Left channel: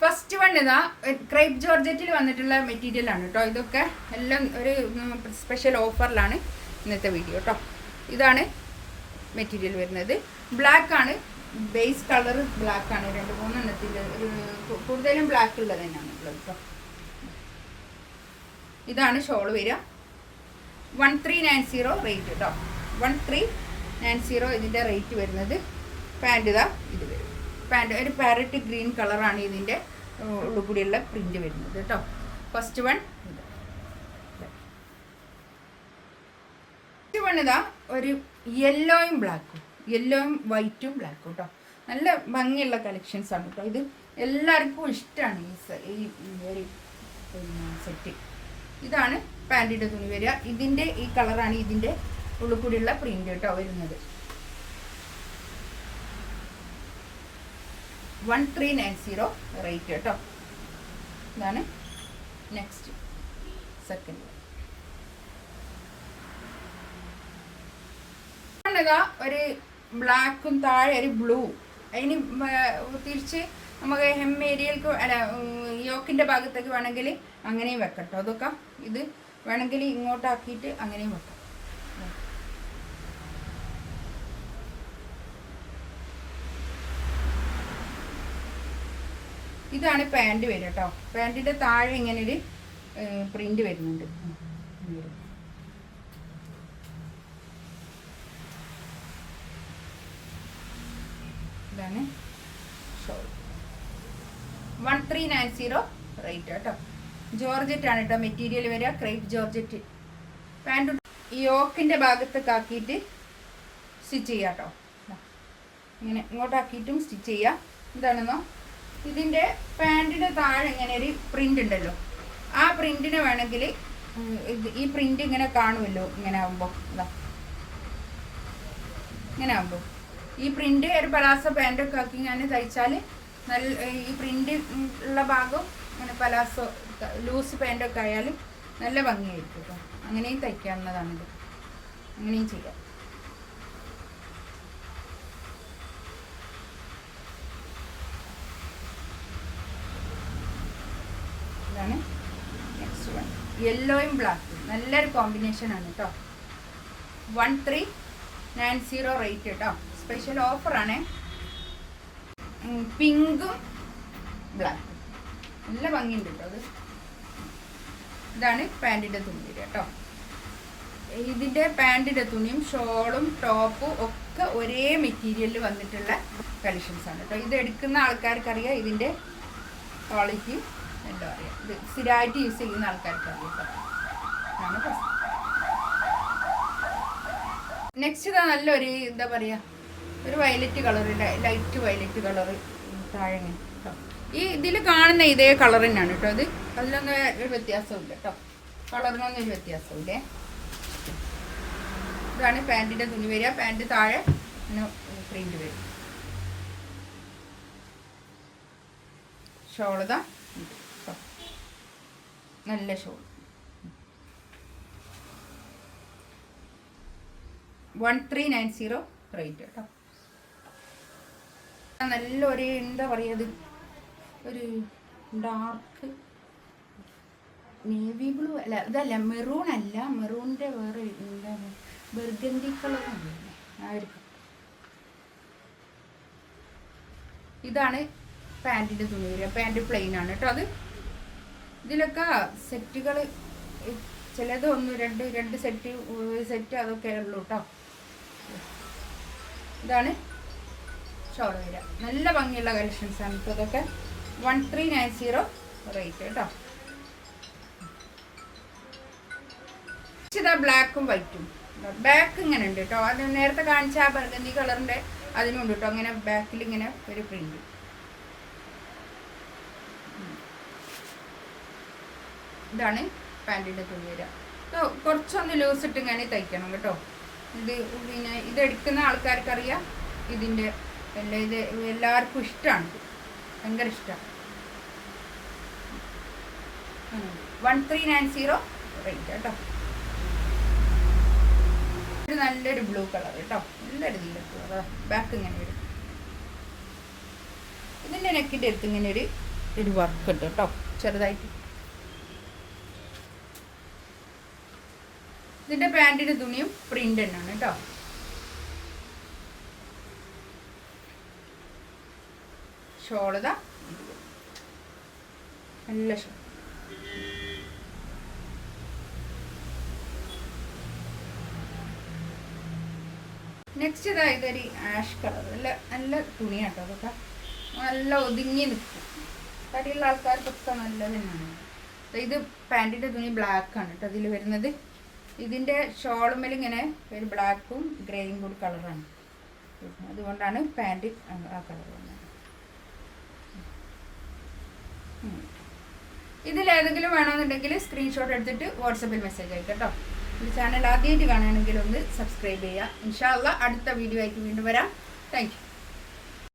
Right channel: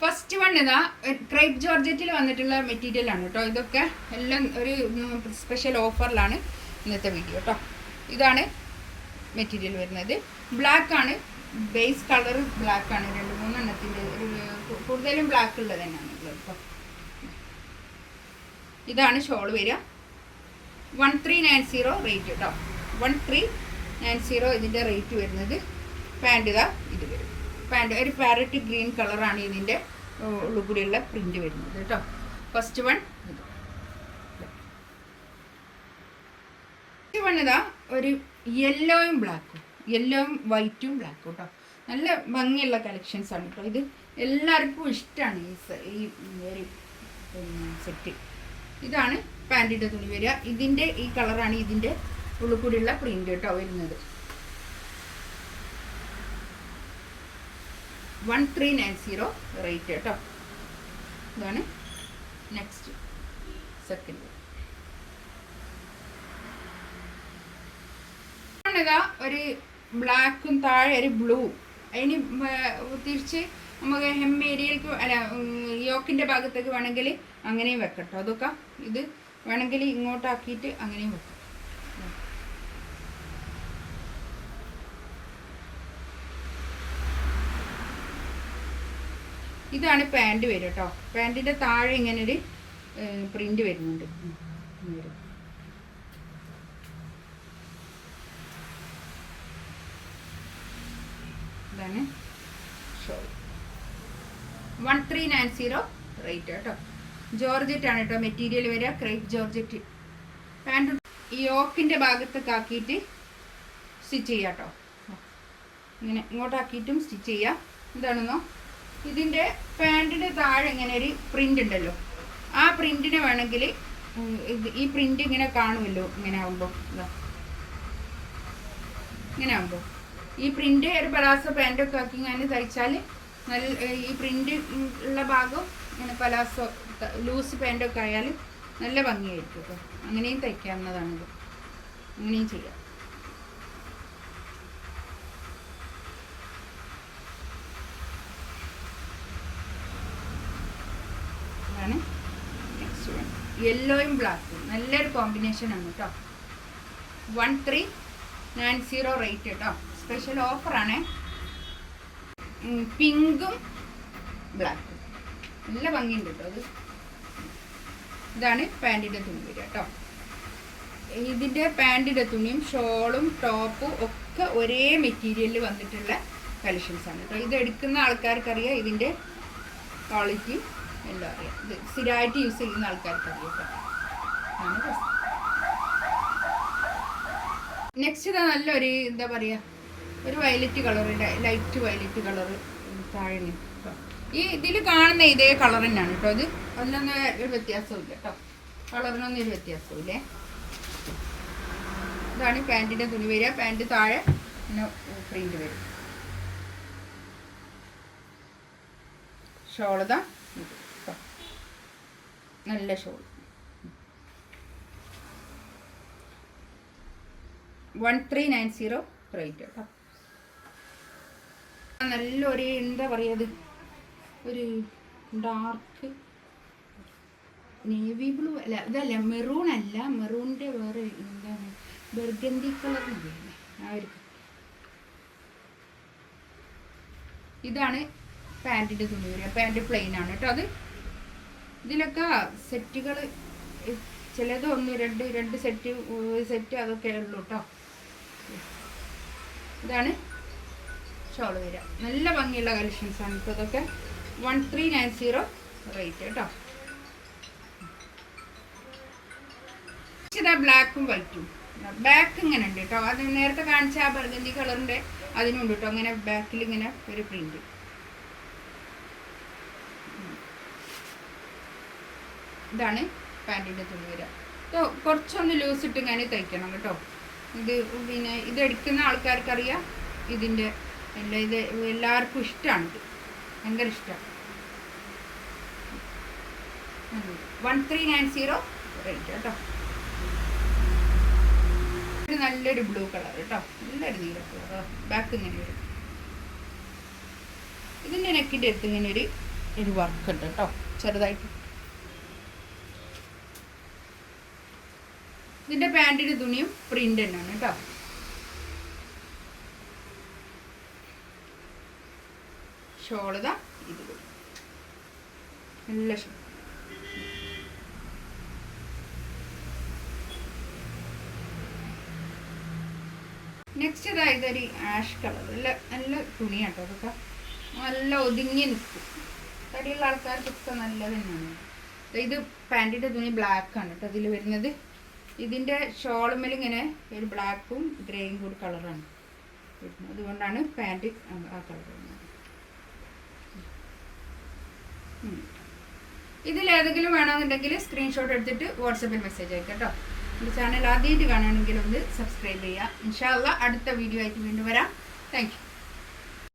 First one ഇതാ crepe ജോർജറ്റിൽ വന്നിട്ടുള്ള material ആണ് കേട്ടോ. ഇതൊക്കെ എല്ലാം ഒരു സ്പെഷ്യൽ ഓഫറിലാണ് ഇന്നത്തെ വീഡിയോ കേട്ടോ. ഇതാണ് മെറ്റീരിയൽ വരുന്നത്. ബ്ലാക്ക് ആണ്, ബേസ് കളർ ബ്ലാക്ക് ആണ്. 2-3 എണ്ണത്തിൻ്റെ കൂടുതലും ബ്ലാക്ക് ഉള്ളത് തന്നെയാണ് ഉള്ളത് കേട്ടോ. ഇതാണ് ഷോൾ വരിക. 1390 റേറ്റ് കേട്ടോ. 1390 ഇതിൻ്റെ റേറ്റ് വരുന്നത്. പാൻറ് ഇതാ ഇത് വരും. പാൻറ് ഒരു പാരറ്റ് ഗ്രീൻ കളറാണ് ഇതിൻ്റെ ഉള്ളിൽ കൂടിയുള്ള പ്രിന്റ് വരുന്നത് കേട്ടോ. ഫസ്റ്റ് വൺ ഇതാ ഒരു യെല്ലോയും ബ്ലാക്കും, യെല്ലോയും വൈറ്റും ബ്ലാക്കും കേട്ടോ. നല്ല ഭംഗിയുള്ള കളക്ഷൻസ് ആണ് കേട്ടോ. ഇത് എല്ലാവർക്കും ഇഷ്ടമാണ് ഈ സെറ്റ്. ഇതാണ് പാൻറ്റിൻ്റെ തുണി വരിക. ഇതിൻ്റെ ഈ കളറാണ് ഇതിൻ്റെ ഉള്ളിൽ കൂടിയുള്ള പ്രിന്റ് കേട്ടോ വരുന്നത്. 1390 റേറ്റ് കേട്ടോ. ഇതാണ് നെക്സ്റ്റ് സെക്കൻഡ്. ഒരു ബ്ലാക്കും താഴെ ഒരു ബ്ലൂ. അതിന് തിരിച്ച് നമുക്ക് ഹെം ഏരിയയിലേക്ക് അല്ല യോക്കിൻ്റെ ഭാഗത്തേക്ക് വേണമെങ്കിൽ അങ്ങനെയും വെക്കട്ടോ. അതൊക്കെ ഇത് വേണമെങ്കിൽ ഇങ്ങോട്ടാക്കിയിട്ട് അങ്ങനെയും വെക്കാം. ഇതാണ് പാൻറ് വരും കേട്ടോ. പാൻറ്റിൻ്റെ താഴെ ഇങ്ങനെ ഒരു പ്രിന്റ് വരുന്നുണ്ട്. ഇതാണ് ഷോൾ. 1390 റേറ്റ് കേട്ടോ. ജോർജറ്റ് ആണ് കേട്ടോ മെറ്റീരിയൽ വരിക. Crepe georgette. പാൻറ് ഈ യോക്കിൻ്റെ ഭാഗത്തൊക്കെ ആക്കിയിട്ട് സ്റ്റിച്ച് ചെയ്യാം കേട്ടോ. ഇങ്ങനെ ഇങ്ങോട്ടാക്കിയിട്ടും സ്റ്റിച്ച് ചെയ്യാം. എന്താണെന്നോ ഇതിൻ്റെ പാൻറ്റിൻ്റെ താഴെ ഇങ്ങനെ ഒരു പ്രിൻ്റ് ഉണ്ടല്ലോ, ആ പ്രിൻറ്റിന് വേണമെങ്കിൽ ഈ പ്രിൻ്റ് ഇങ്ങനെ കാണുമല്ലോ. ഇങ്ങനെ ആകുമ്പോൾ ഇതാ ഇങ്ങനെ ആകുമ്പോൾ ഈ പ്രിൻ്റ് ഒരു പലാസോ പാൻറ്റൊക്കെ ആക്കി ഞാൻ തയ്ച്ചാൽ നല്ല ഈ പ്രിൻ്റ് ഉള്ള ഭാഗം ഇങ്ങനെ പലാസോ ലൂസ് പാൻറ്റൊക്കെ ആയാൽ നല്ല ഭംഗിയായിരിക്കും കേട്ടോ. അങ്ങനെയും തയ്ക്കാവുന്നതാണിത്. അങ്ങനെയും ചെയ്യാം. നെക്സ്റ്റ് വൺ യെല്ലോയും ബ്ലാക്കും നല്ലൊരു കോമ്പിനേഷൻ ആണ് കേട്ടോ. 1390 റേറ്റ് കേട്ടോ. സ്പെഷ്യൽ ഓഫറാണ്. പിങ്കും ബ്ലാക്കും നല്ല ഭംഗിയുണ്ട് കേട്ടോ. അത് ഇതാണ് പാൻറ്റിൻ്റെ തുണി വരിക കേട്ടോ. ഇതിൻ്റെ പാൻറ്റിൻ്റെ തുണിയും ഷോളും ടോപ്പും ഒക്കെ ഒരേ മെറ്റീരിയലിൽ വന്നിട്ടുള്ള കളക്ഷൻസ് ആണ് കേട്ടോ. ഇത് എടുക്കുന്ന ആൾക്കാർക്കറിയാം ഇതിൻ്റെ ക്വാളിറ്റിയും എല്ലാം അറിയാം. ഇത് സ്ഥിരമായിട്ട് യൂസ് ചെയ്യുന്ന ആൾക്കാർക്ക് അറിയാം. നെക്സ്റ്റ് ഇതാ നല്ലൊരു എന്താ പറയുക ഒരു വയലറ്റ് കളറിൻ്റെ ലൈറ്റ് വയലറ്റ് കളറ് താഴെ കേട്ടോ. ഈ ഇതിൽ കാണുന്ന ഇതേ കളർ തന്നെയാണ് കേട്ടോ. അത് അതിലൊന്നും ഒരു വ്യത്യാസമില്ല കേട്ടോ. കളറിനൊന്നും ഒരു വ്യത്യാസമില്ലേ. ഇതാണ് പാൻറ്റിൻ്റെ തുണി വരിക. പാൻറ്റ് താഴെ പ്രിന്റ് വരും. ഷോളതാ നല്ല ഷോൾ. 1390 റേറ്റ് കേട്ടോ. നല്ലൊരു എന്താ പറയുക ഒരു ഡാർക്ക് നേവി ബ്ലൂ അല്ല, ഇതല്ല മെറൂൺ അല്ല, മെറൂണിൻ്റെ വേറെ എന്താണ് ബർഗണ്ടി കളർ ആയിരിക്കും. ഇതാണ് പാൻറ്റിൻ്റെ തുണി വരിക. പാൻറ്റ് പ്ലെയിൻ ആണ് കേട്ടോ. അത് ഇതിലൊക്കെ സെറ്റുകൾ ചിലത് രണ്ട് സെറ്റ് അതൊക്കെ ഉള്ളൂ കേട്ടോ. ഇതാണ് ഷോൾ വരിക. നല്ല ഭംഗിയുള്ള കളക്ഷൻസ് ആണ് ഇപ്പോൾ ഇതൊക്കെ. 1390 റേറ്റ് കേട്ടോ. ഇതാ ബ്ലാക്കും വൈറ്റും. ബാക്ക് ഇങ്ങനെ ഉണ്ട് കേട്ടോ. അത് നേരത്തെ കാണിച്ച ആ ബർഗണ്ടി കളറിൻ്റെ അതിനുണ്ട് കേട്ടോ. അങ്ങനെ ബാക്കിൽ ഇങ്ങനെ ഒരു പ്രിന്റ്. ഇതാണ് പാൻറ്റിൻ്റെ തുണി വരിക. കുറച്ചൊന്ന് ലൂസ് ഇട്ട് ഞാൻ തയ്ക്കണം കേട്ടോ. ഇത് പിന്നെ ഇത് എടുക്കുന്ന ആൾക്കാർക്കറിയാം ഇതിൻ്റെ എല്ലാം. ഇത് എല്ലാവർക്കും ഇഷ്ടമാണ്. ഇത് ഭയങ്കര ഇഷ്ടമാണ്. 1390 റേറ്റ് കേട്ടോ. ഒരു നല്ലൊരു ബ്ലൂ കളർ കേട്ടോ. നല്ലൊരു നീല കളർ. ബാക്ക് ഇങ്ങനെ വരും. ഇതിൻ്റെ നെക്കിൻ്റെ അടുത്ത് ഇങ്ങനെ ഒരു ഒരു വർക്ക് ഉണ്ട് കേട്ടോ, ചെറുതായിട്ട്. ഇതിൻ്റെ പാൻറ്റിൻ്റെ തുണിയും പ്രിൻ്റ് തന്നെയാണ് കേട്ടോ. ഷോളതാ നല്ല ഷോൾ. നെക്സ്റ്റ് ഇതാ ഇതൊരു ആഷ് കളർ, നല്ല നല്ല തുണിയാട്ടോ. അതൊക്കെ നല്ല ഒതുങ്ങി നിൽക്കും. തടിയുള്ള ആൾക്കാർക്കൊക്കെ നല്ലത് തന്നെയാണ്. ഇത് പാൻറ്റിൻ്റെ തുണി ബ്ലാക്ക് ആണ് കേട്ടോ അതിൽ വരുന്നത്. ഇതിൻ്റെ ഷോളുമ്മൽ ഇങ്ങനെ ഒരു ബ്ലാക്കും ഗ്രേയും കൂടി കളറാണ്, അതുകൊണ്ടാണ് പാൻറ്റ് ആ കളർ വന്നത്. ഇതിലേതെങ്കിലും വേണമെന്നുണ്ടെങ്കിൽ സ്ക്രീൻഷോട്ട് എടുത്തിട്ട് വാട്സപ്പിൽ മെസ്സേജ് അയക്കാം കേട്ടോ. ഈ ചാനൽ ആദ്യമായിട്ട് കാണുകയാണെങ്കിൽ ഒന്ന് സബ്സ്ക്രൈബ് ചെയ്യുക. ഇൻഷാ അള്ളാ അടുത്ത വീഡിയോ ആയിട്ട് വീണ്ടും വരാം. Thank you.